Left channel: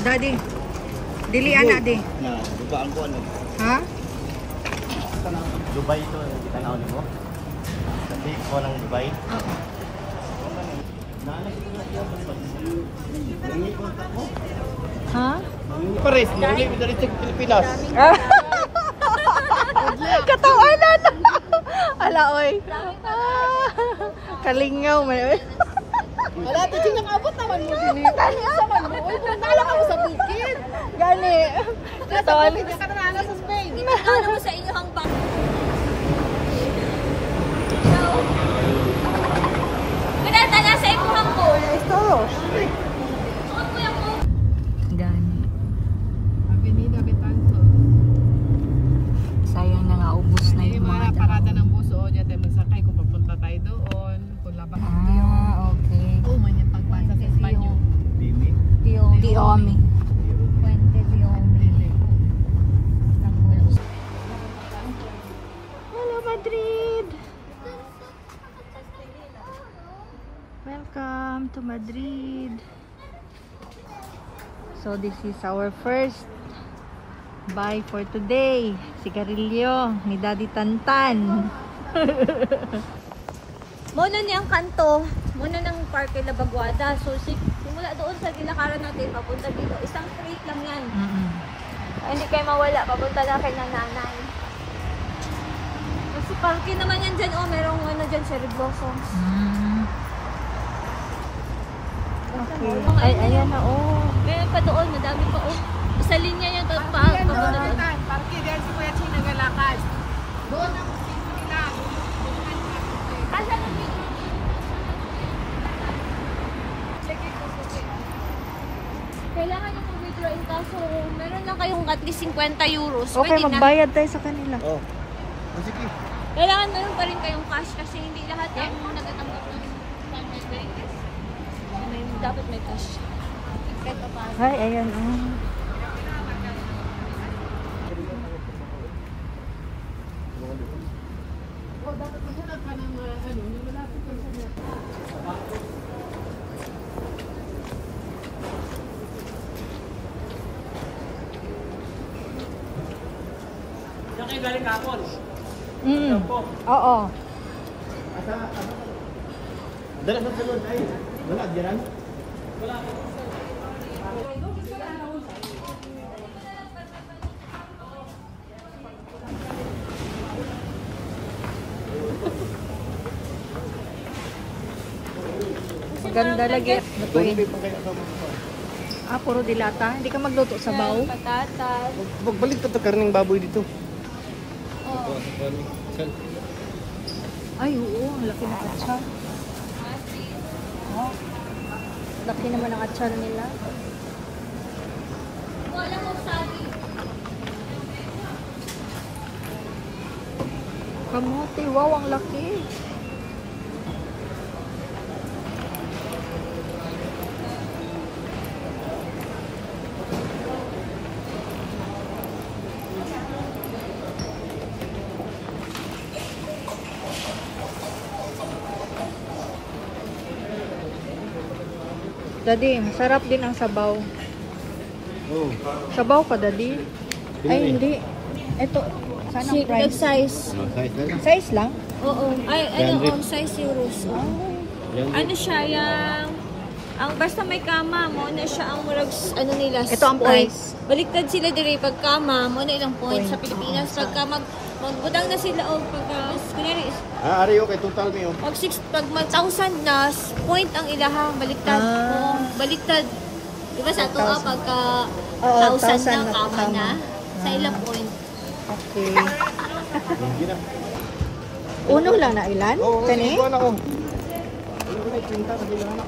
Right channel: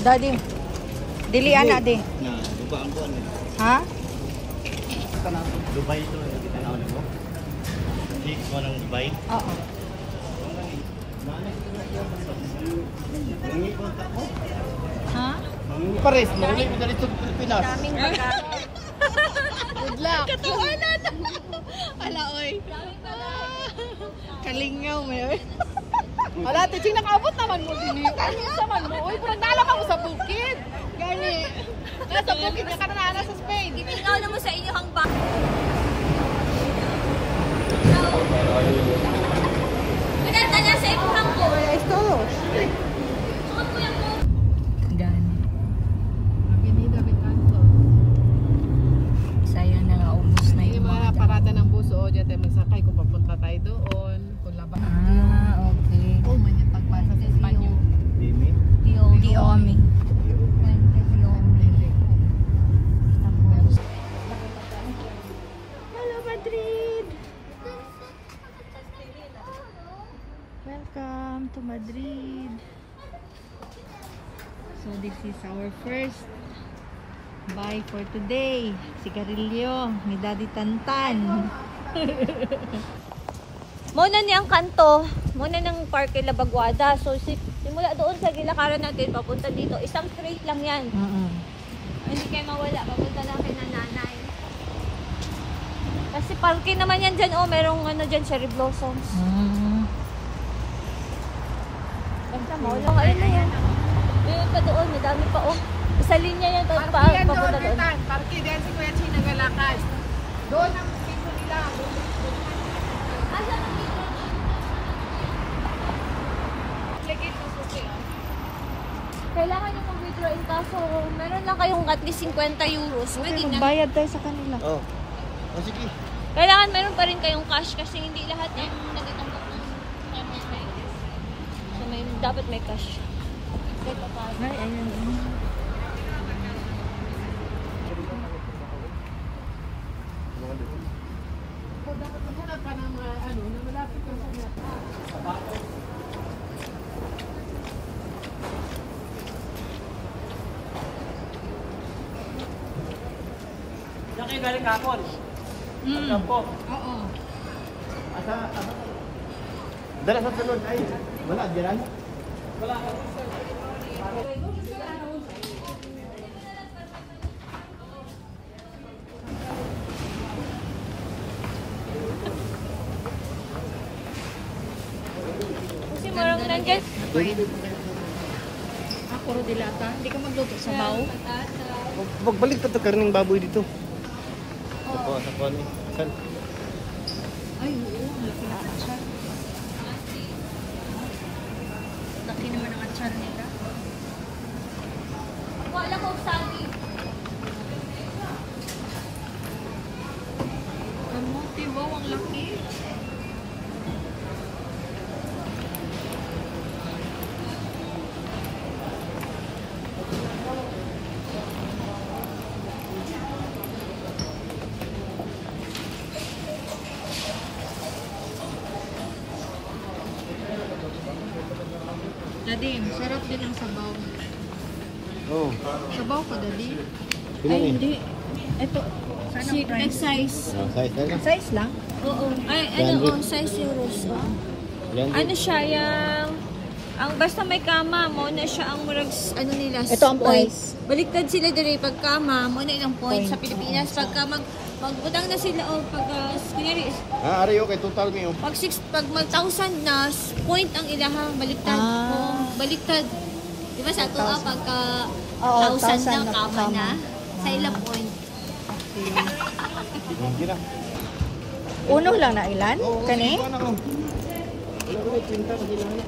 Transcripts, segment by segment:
Daddy. Dili ana di. Na, diba ang kuan? Ha? Kana Dubai to, kita na ulit mo. Sabi ko ng Dubai. Oo. Ha? Pares, muli mo dito sa Pilipinas. Katawanan. Ala oy. Kalingaw may. Wala, Tijing, nakabot naman mo din. Tani sa man mo. Uy, nagdala ka mo sa bukid. Gani. Nasa bukid ka na nana sa Spain. Ginagawa mo sa inyong ba? Pinatala sa imuhang ko. Ito. Sukat ko yan ko. Gani. Avenida Betanto. Sayang na nga ubos na Hindi yung mga parada ng bus o dyan tayo magsakay kung papunta tayo doon. Kung labas. okay. Oo, man yung pagbasa sa Espanyo. Dimi. Diomi. Hello, Madrid. Welcome to Madrid. So this is our first buy for today. Sigarilyo ni Daddy Tantan. Muna ni ang kanto. Muna ng Parque La Vaguada. So, simula doon sa gilakaran natin, papunta dito. Isang straight lang yan. Hindi kayo mawala. Papunta na kay nanay. Kasi parke naman yan dyan. Oh, merong ano dyan, cherry blossoms. Okay. Ayan, oh. Meron pa doon. Madami pa, oh. Isa linya yan. Parki yan doon, Papunta doon. Betan. Parki yan si Kuya Ching nagalakad. Doon ang dito nila. Asan ang dito? Legit ng suki. Kailangan nyo mag-withdraw in kaso meron lang kayong at least 50 euros. Okay, Pwede na. magbayad tayo sa kanila. Oh. Oh, sige. Kailangan meron pa rin kayong cash kasi hindi lahat ang nagatanggap ng summer break. So, dapat may cash. Kahit pa paano. Ay, ayan. O, dapat maghanap ka ng ano, na malapit ka sa Diyan kayo galing kapon. Oo. Asa, ano? Dala sa salon. Ay, wala, diyan? Wala. Ganda lagi. Doon Puro dilata. Hindi ka magluto sa baw. Patatas. Pagbalik ka to karning baboy dito. Oh. Sa kuan. Ay, oo. Ang laki na katsyan. Laki naman ang katsyan nila. Wala ko sagi. Kamuti. Wow, ang laki. Daddy, masarap din ang sabaw. Oh. Sabaw ka, Daddy? Ay, hindi. Ito, sana price. Size. Oh, size na. Size lang? Oo. Ay, ano, oh, size euros. Oh. Yan. Ano siya, yung... Ang basta may kama, mo na siya ang murag, ano nila, Ito ang point. price. Baliktad sila dire pag kama, mo na ilang point sa Point, Pilipinas. oo. Pagka magbutang na sila, o pagka, kunyari, Ah, ari okay, total mo. pag mag 1,000 na, point ang ilaha, baliktad. Ah. Oo, baliktad. Diba sa ito, 1,000. pagka Oo, 1,000 1,000 na na kama kama. na, sa ilang point. Okay. Hindi na. Uno lang na ilan? Kani? Kuan ako. Wala ko pinta sa sila ano.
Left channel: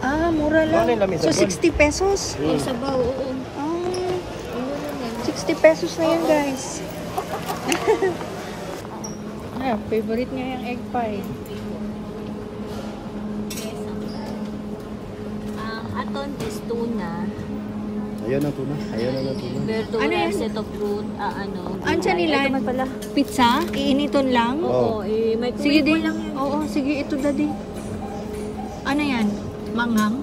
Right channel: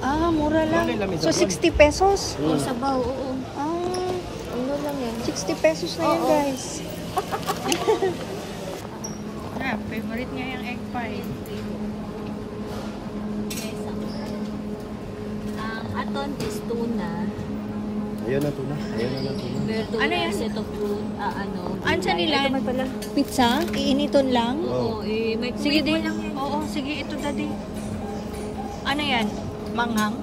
Ah, mura lang. Ano yung lamesa, So, 60 pesos? O sabaw, oo. Ah, Ano lang yan. 60 pesos na yan, guys. Favorite niya yung egg pie. Ang aton is tuna. Ayaw na tuna. Ayaw na tuna. Verduras, ito fruit, ano. Andiyan gulay. nila. Ito man pala. Pizza? Iiniton lang? Oo, may Sige kumain din. mo lang yan. Oo, sige. Ito, Daddy. Ano yan? Manghang?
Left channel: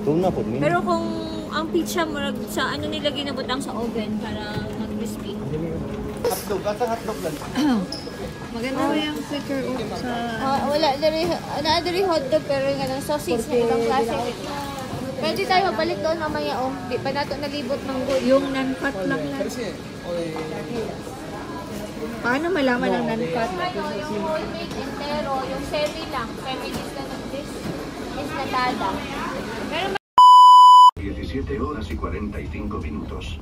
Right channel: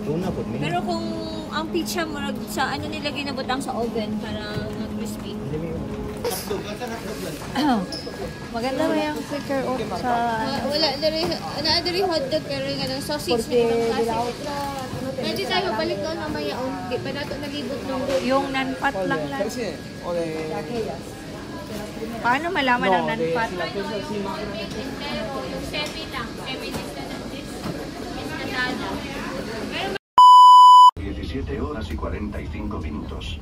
Tuna po. Pero kung ang pizza mo sa ano nila ginabutang sa oven para crispy. Hotdog, kasang hotdog yan. Maganda mo yung quicker off sa... Wala diri hotdog pero yung anong sausage na ibang klase. Pwede tayo balik doon mamaya di pa nato nalibot ng good. Yung non-fat lang na. Paano malaman ang non-fat? Pero yung semi lang, semi is na ng this is natada. 17 horas y 45 minutos.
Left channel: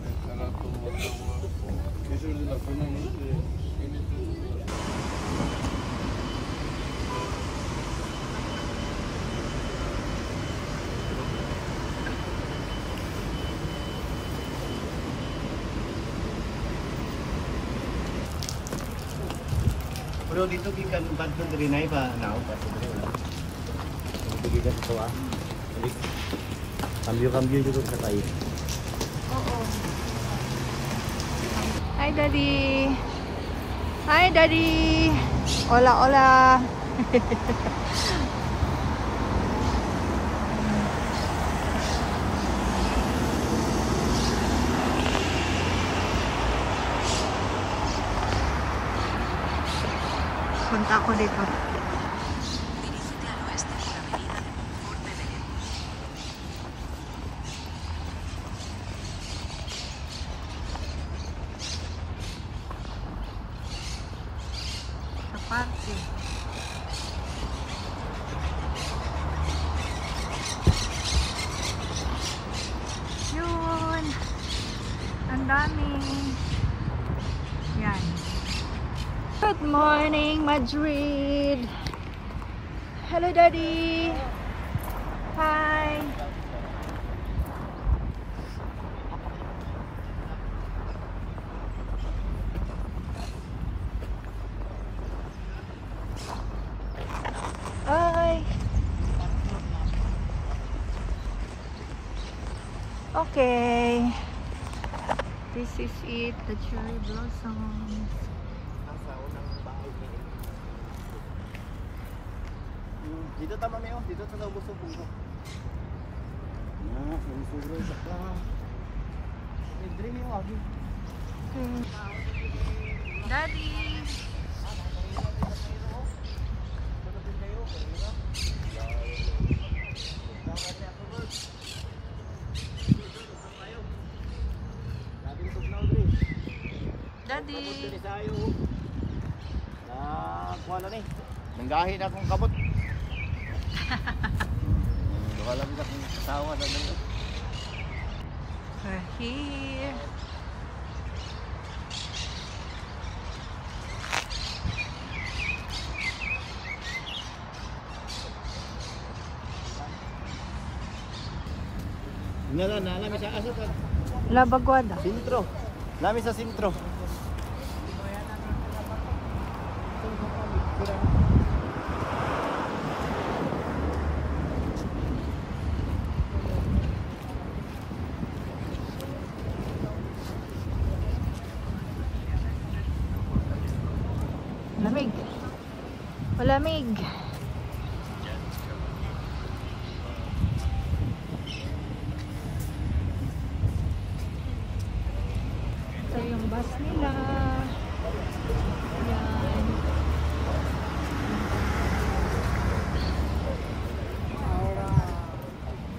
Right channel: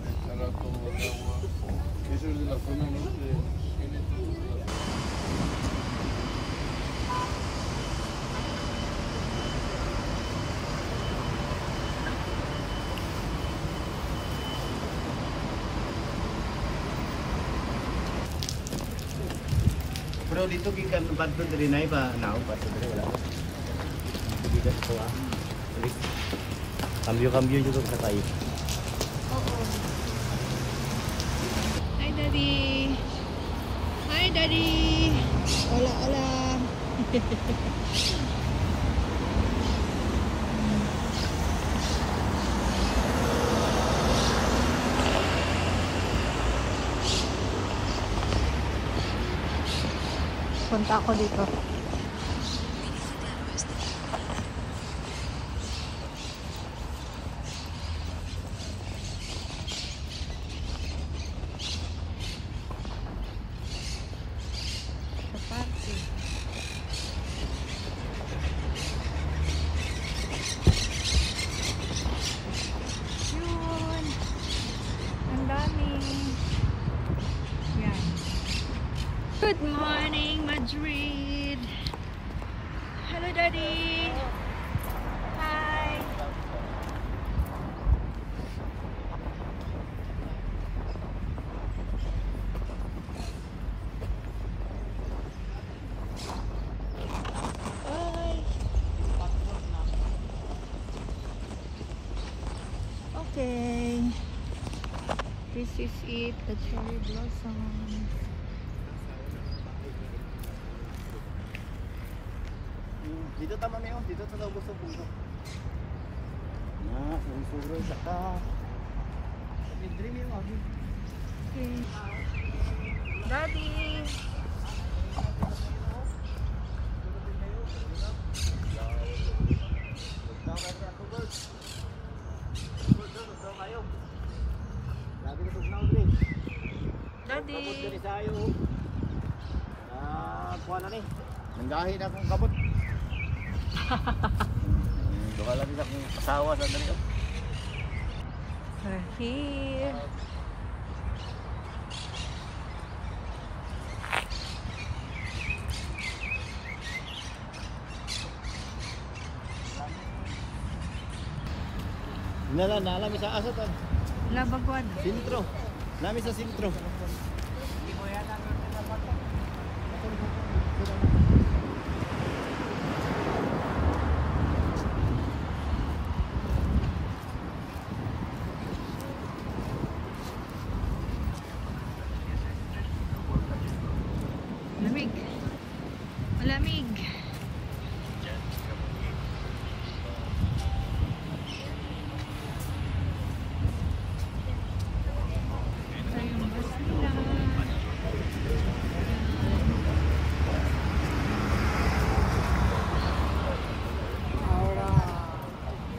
Pero dito gikan bantu diri nay pa now bantu diri wala. Dito ko ah. Cambio juga sa tayo. Oo. Hi, Daddy. Hi, Daddy. Hola, hola. Punta ako dito. Sa parke. Yun. Ang dami. Yan. Good morning, Madrid. Hello, Daddy. Hi. Hi. Okay. This is it, the cherry blossoms. Dito tama mi dito ta ubos ang puno. Na, ang sugro sa ka. Diri mi abi. Daddy. Daddy. Kabot diri sayo. Kuha na ni. Nanggahi na akong kabot. Duha lang din akong asawa sa mundo. We're here. Nalami sa asa pa. Labagwada. Sintro. Lami sa sintro. Lamig. Malamig. Ito yung bus nila. Yan.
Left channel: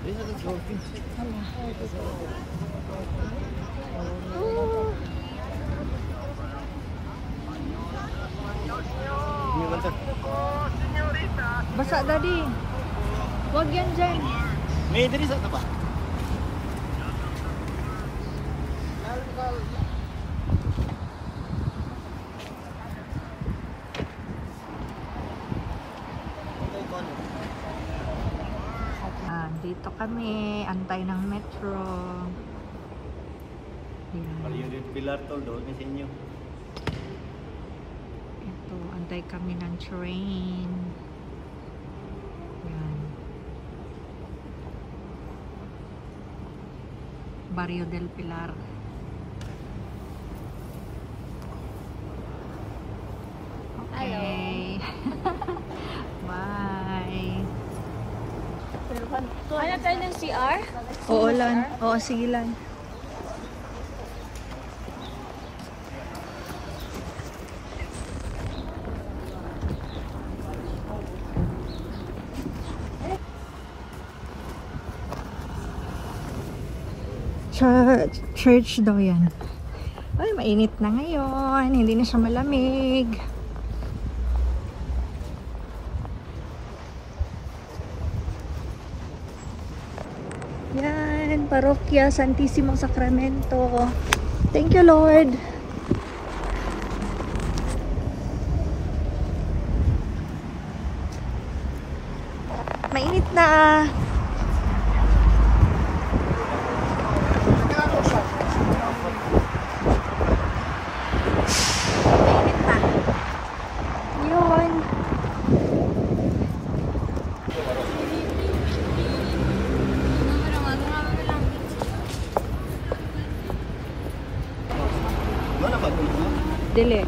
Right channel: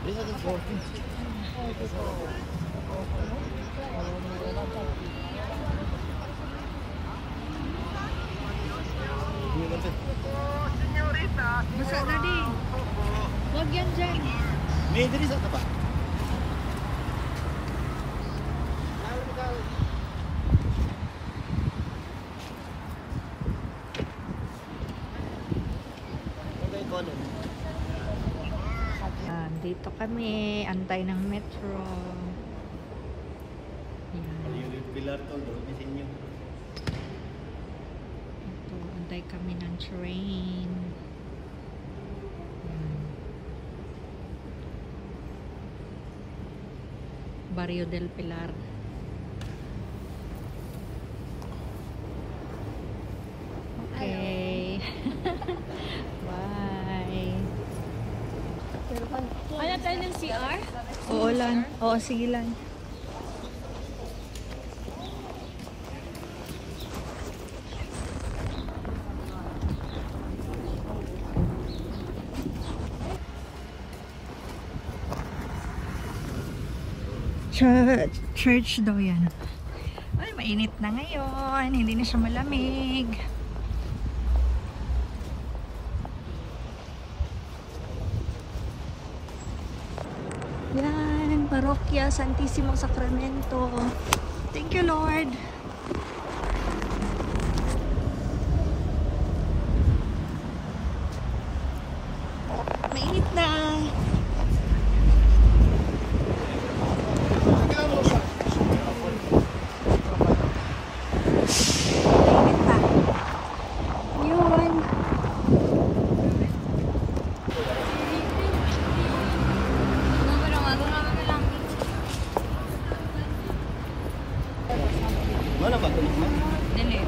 Bisa sa coffee. Basa, Daddy. Huwag yan dyan. May diri sa taba. Dito kami, antay ng metro. Yan. Yung pilar to doon sa inyo. Ito, antay kami ng train. Yan. Barrio del Pilar. Hello. Okay. Bye. Pero Ano tayo ng CR? Oo lang. Oo, sige lang. Church daw yan. Ay, mainit na ngayon. Hindi na siya malamig. Yan, Parokya Santissimo Sacramento. Thank you, Lord. Mainit na. Yun. Wala ba ito? Dili.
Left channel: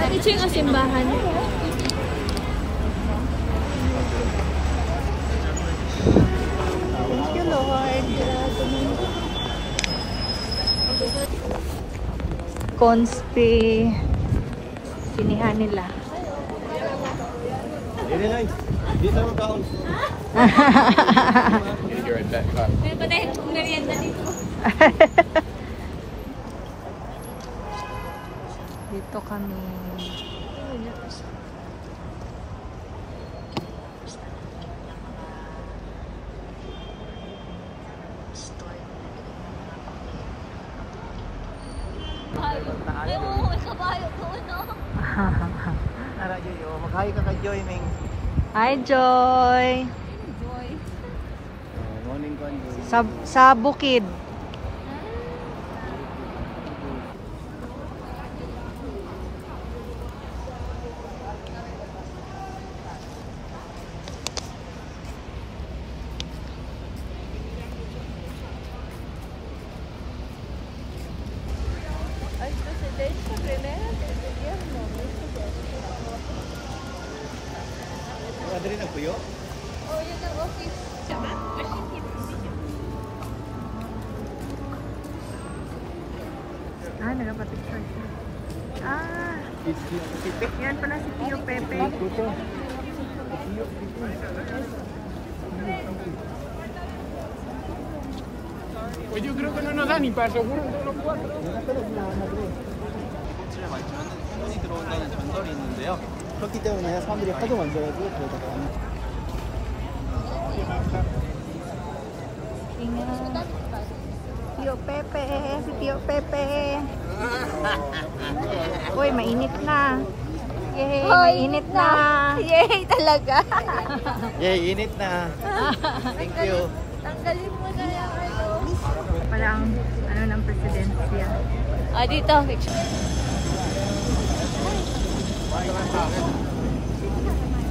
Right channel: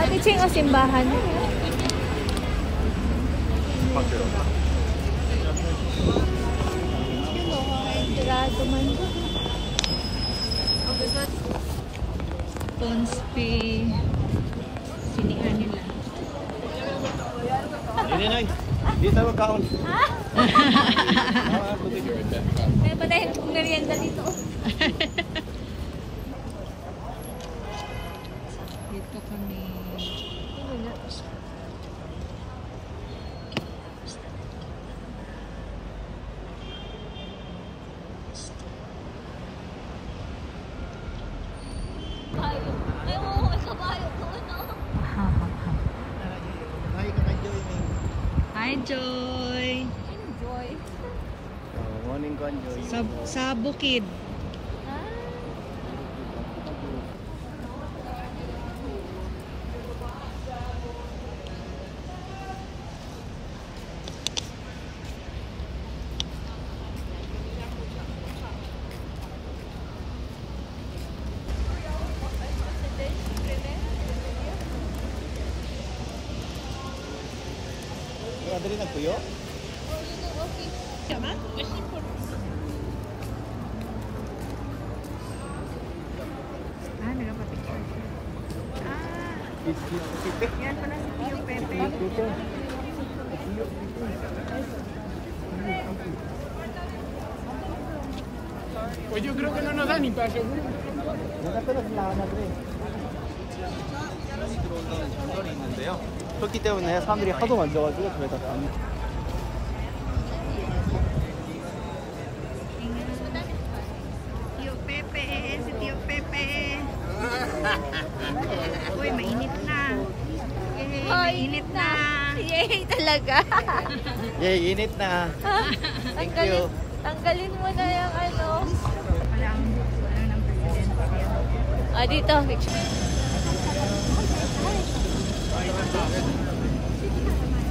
Ate Ching, o simbahan? Thank you, Lord. Grabe man. Conspi. Sinihan nila. Hindi na. Dito tayo magkaon. May patay merienda dito. Dito kami. Ay, oo, may kabayo ko, no? Mag-hi ka kay Joy, Ning. Hi, Joy. Enjoy. Morning ko, Joy. Sa bukid. Wala rin ang kuyo? Oh, yun ang office. Sama? Machine hit. Ah, nagpapicture siya. Ah, Sipe. yan pala si Tio Pepe. Dito. Pues yo creo que no nos da ni para seguro. nakatulog sila ako na rin. 들어온다는 전설이 있는데요. 그렇기 때문에 사람들이 하도 만져가지고 저희가 안 Ingat. Tio Pepe, si Tio Pepe. Uy, mainit na. Yay, mainit na. Yay, talaga. 예, init na. Thank you. Tanggalin mo na yung ano. Parang, ano ng presidensya. Ah, dito. Picture.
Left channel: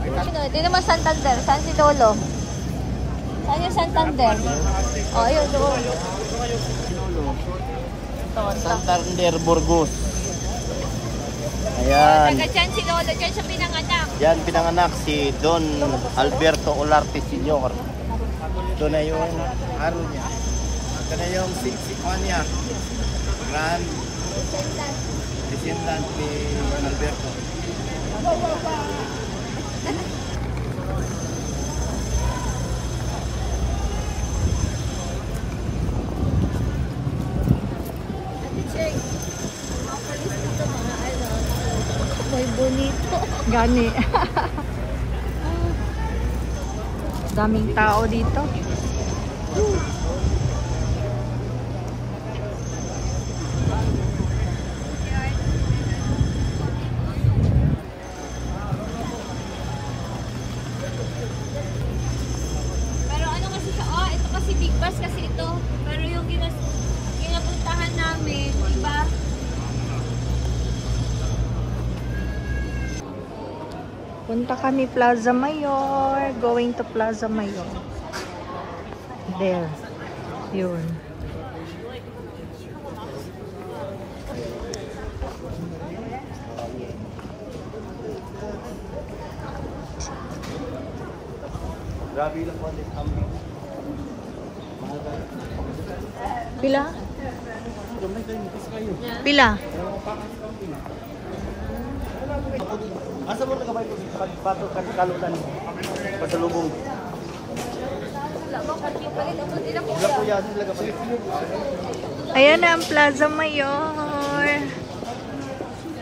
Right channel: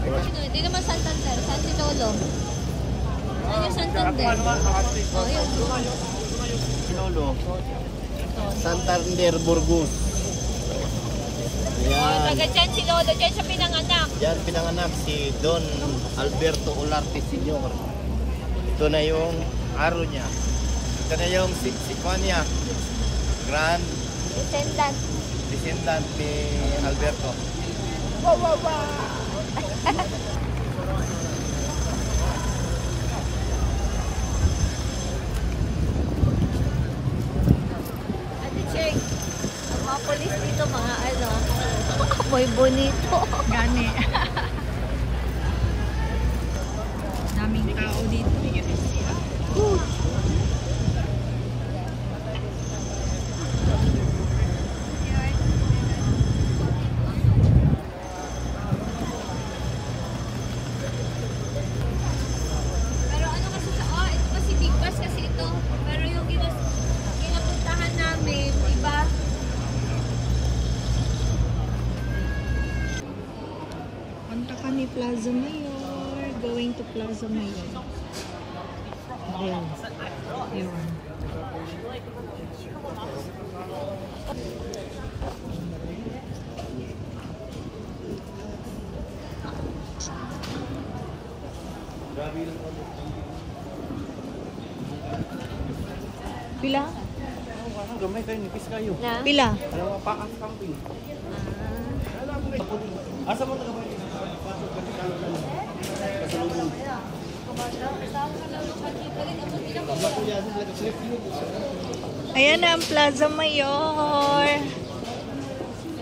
Sino? Di naman Santander. San si Lolo? Saan yung Santander? Oh, yun. Doon. Lolo. Santander, Burgos. Ayan. Taga dyan si Lolo. Dyan siya pinanganak. Yan pinanganak si Don Alberto Olarte Sr. Ito na yung aro niya. Ito na yung si Konya. Grand Descendant. descendant ni Alberto. Ate Cheng, ang mga polis dito, mga ano, muy bonito. Gani. Daming tao dito. Pero ano kasi sa, ito kasi big bus kasi ito. Pero yung ginapuntahan namin, iba. Punta kami Plaza Mayor. Going to Plaza Mayor. There. Yun. Grabe lang po. Pila? Gamay kayo, nipis kayo. Na? Pila? Asa mo nagabay ko pagpasok ka sa kalutan? Pasalubong. Wala po yasin talaga po. Ayan na ang Plaza Mayor.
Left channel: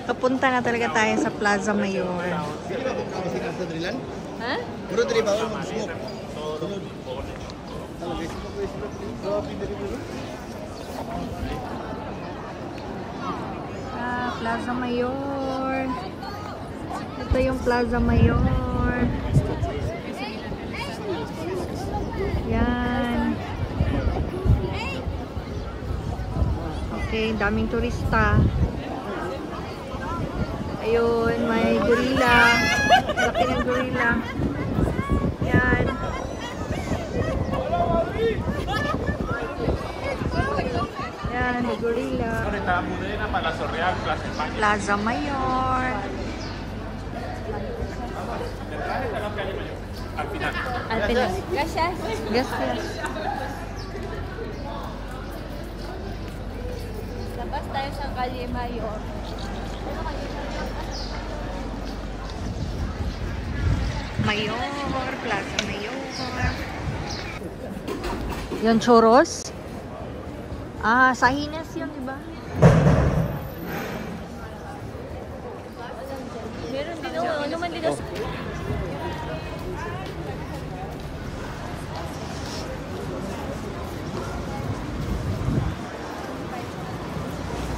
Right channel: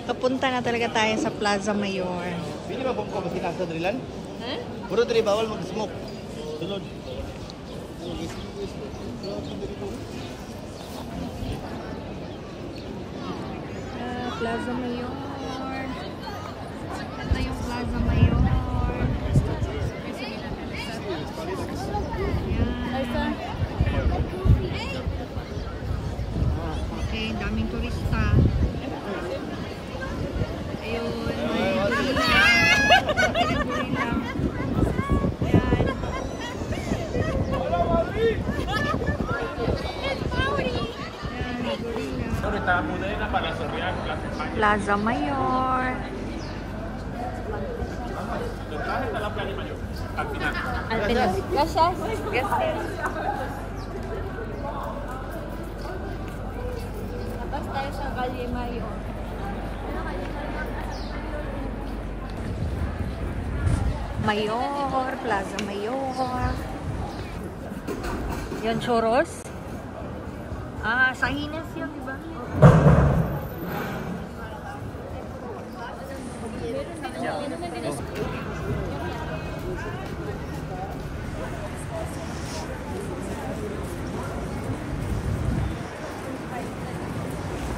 Kapunta na talaga tayo sa Plaza Mayor. Pili ba kung kami sinasa drilan? Ha? Puro diri bawal mag-smoke. Sunod. Ano guys? Plaza Mayor. Ito yung Plaza Mayor. Yan. Okay, daming turista. Ayun, may gorilla. Laki ng gorilla. Yan. Yan, may gorilla. Plaza Mayor. Alpina. Gracias. Labas tayo sa Calle Mayor. Mayor, Plaza Mayor. Yung churros. Ah, sa Hines yun, di ba? Meron din ako. Ano man din ako.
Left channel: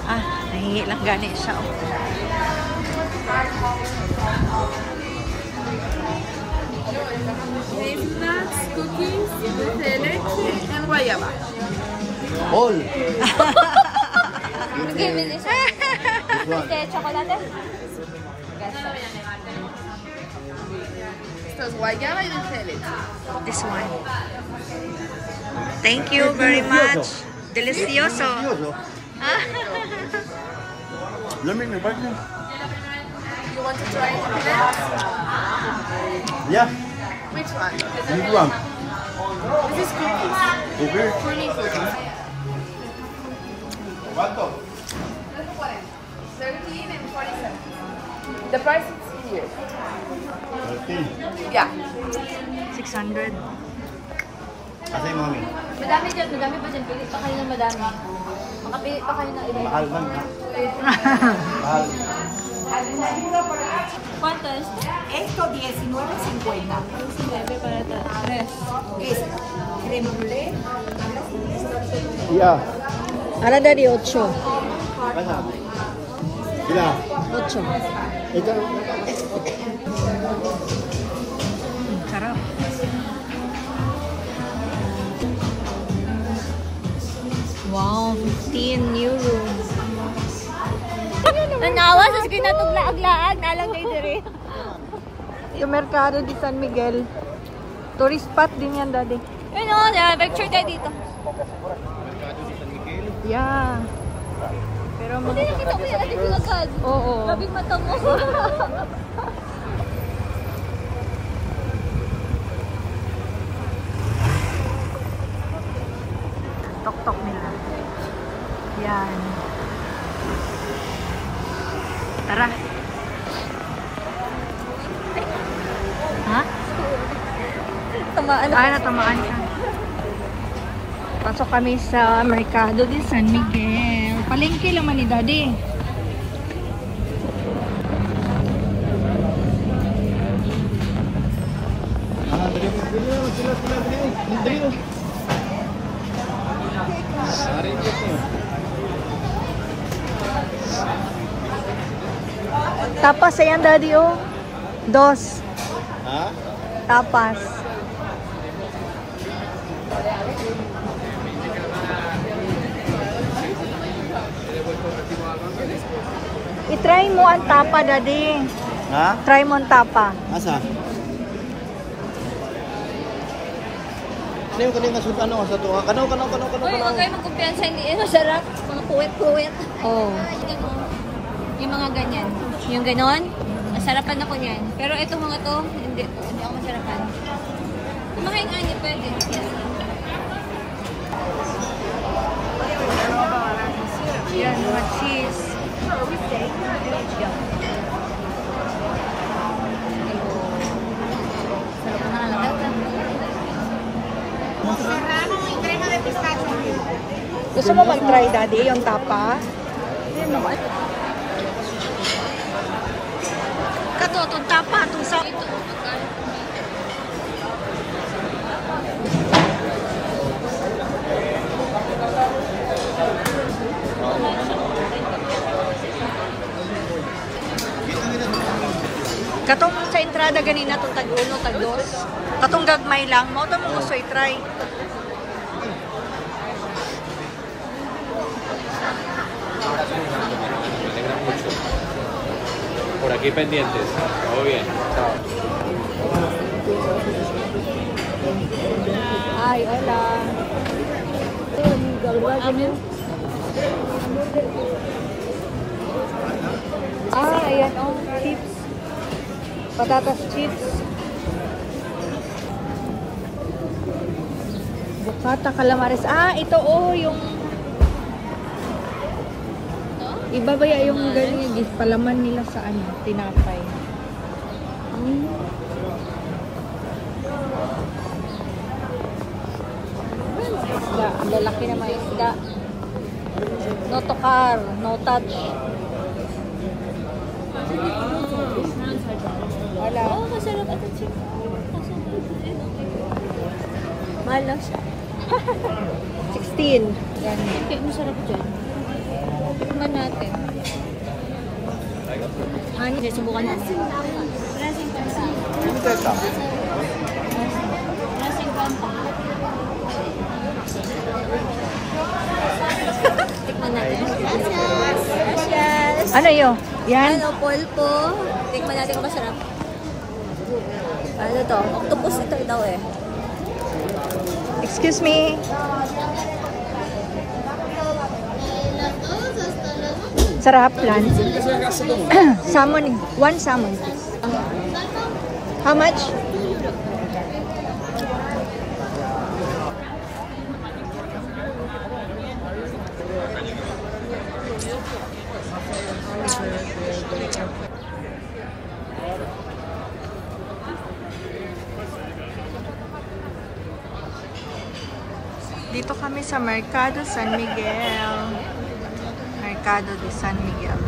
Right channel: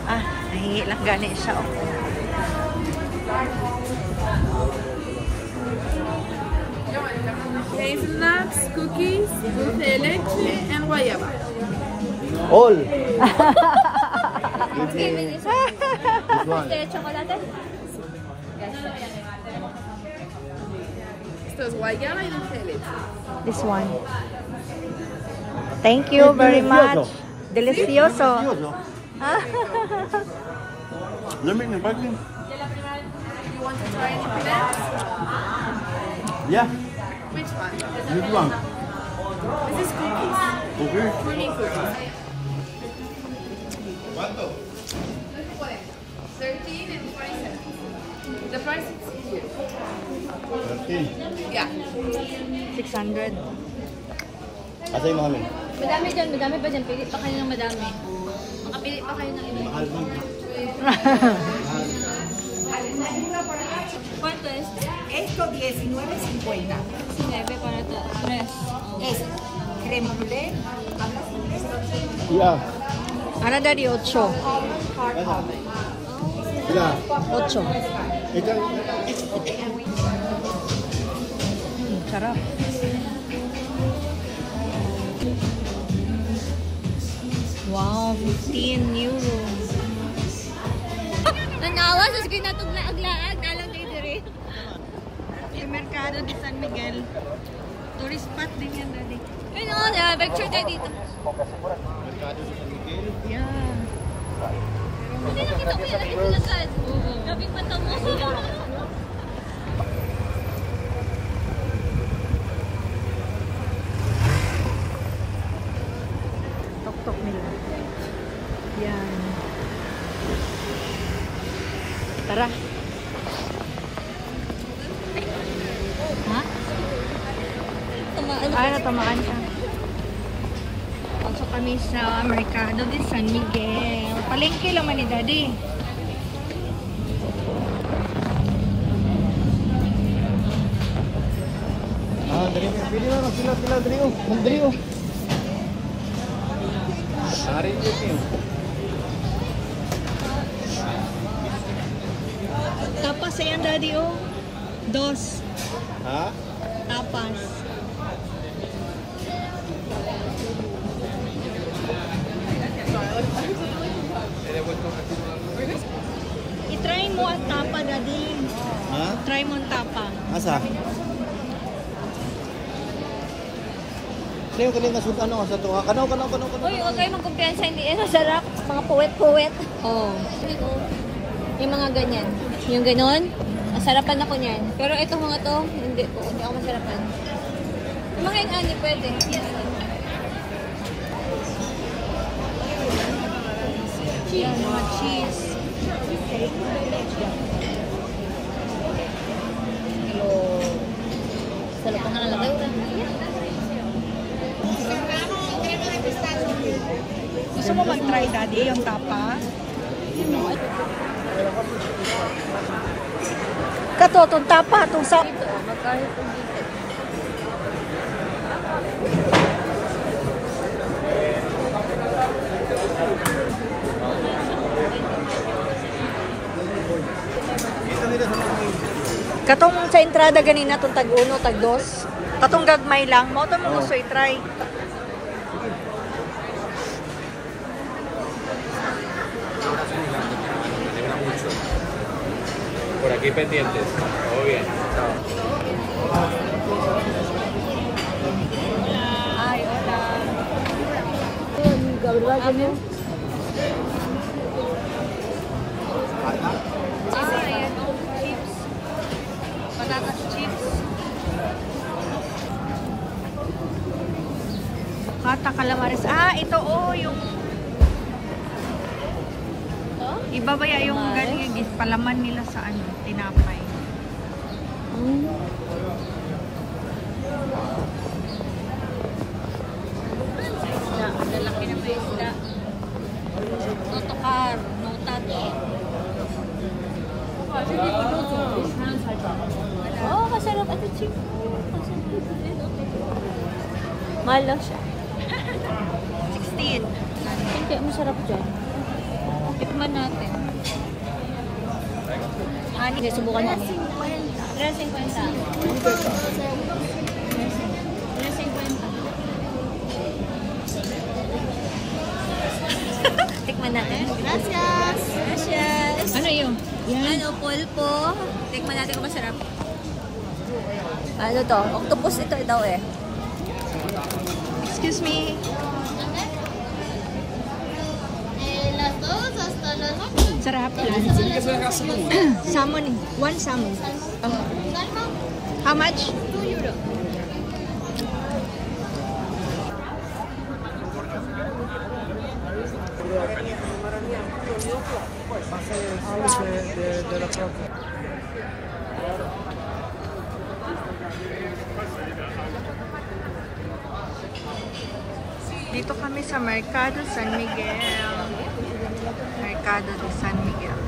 Ah, nahihi lang gani isa. Oh. Hazelnuts, cookies, dulce de leche, and guayaba. All. Okay, bilis. Chocolate? Esto es guayaba y dulce de leche. This one. Thank you very much. Delicioso. Lamig ng parking. You want to try it? Yeah. Which one? This one. This is cookies. Okay. Creamy cookies. 17 and 47. The price is here. 13. Yeah. 600. Asa yung mga min? Madami dyan. Madami pa dyan. Pili pa kayo ng madami. Makapili pa kayo ng iba. Mahal man. Mahal. ¿Cuánto es? Esto 19.50. 19 para tres. Es crema brûlée. Yeah. Ano dari 8? Asa? Sila. 8. Ito. Sarap. Wow, 15 euro. Nanawa sa ginatuglaag-laag. Alam nyo diri. Yung Mercado de San Miguel. Tourist spot din yan, daddy. Ano, picture ka dito. Mercado di San Miguel. Yeah. Pero Hindi nakita ko yung ating bilagad. Oo. Grabe patang mo. Tok-tok nila. Yan. Tara. Ha? Tamaan Ah, natamaan siya. Pasok kami sa Mercado de San Miguel. Palengke lang man ni Daddy. Ah, dali na. Sila, dali o. Dali o. Sari ko niyo. Tapas ayan, Daddy, oh. 2. Ha? Tapas. I-try mo ang tapa, Daddy. Ha? Try mo ang tapa. Asa? Ano yung kanina ano sa tuwa? Kanaw. Uy, huwag kayo magkumpiyansa. Hindi masarap. Mga puwet-puwet. Oh. Yung mga ganyan. Yung ganon. Masarapan ako niyan. Pero ito mga to, hindi po. Hindi ako masarapan. Yung mga yung ani, pwede. Yes. Yan, mga cheese. Hello. Sarapan na lang natin. Gusto mo mag-try, Daddy, yung tapa? Kato, itong tapa, itong sa... Katong sa entrada ganina, itong tag-1, tag-2. Katong gagmay lang. Mo ito mo gusto i-try. Por aquí pendientes. Todo bien. Chao. Ay, hola. Ano? Ayan. Chips. Patatas chips. Bukata, calamares. Ah, ito yung... Iba ba yung galing yung palaman nila sa tinapay? Isda. Ang lalaki na may isda. No tokar. No touch. Wala. Oh, masarap ito chip. Mahal lang siya. 16. Kaya masarap dyan. Tikman natin. Ani, subukan mo. Racing kanta. Racing kanta. Tikman natin. Gracias. Gracias. Ano yun? Yan? Ano, polpo. Tikman natin kung masarap. Ano to? Octopus ito daw eh. Excuse me. Sarap lang. Salmon. One salmon. How much? Dito kami sa Mercado San Miguel. Mercado de San Miguel.